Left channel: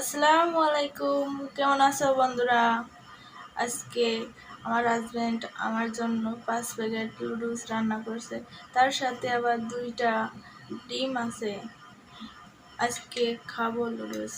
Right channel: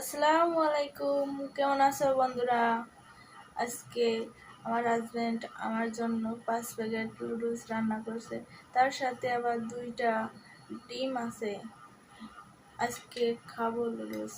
আসসালামু আলাইকুম, কেমন আছো বন্ধুরা? আজকে আমার হাজবেন্ড আমার জন্য 5 প্যাকেট নুডলস রান্না করছে। তার সাথে আবার 2টা ডিম আছে। আজকে খাবো নুডলস।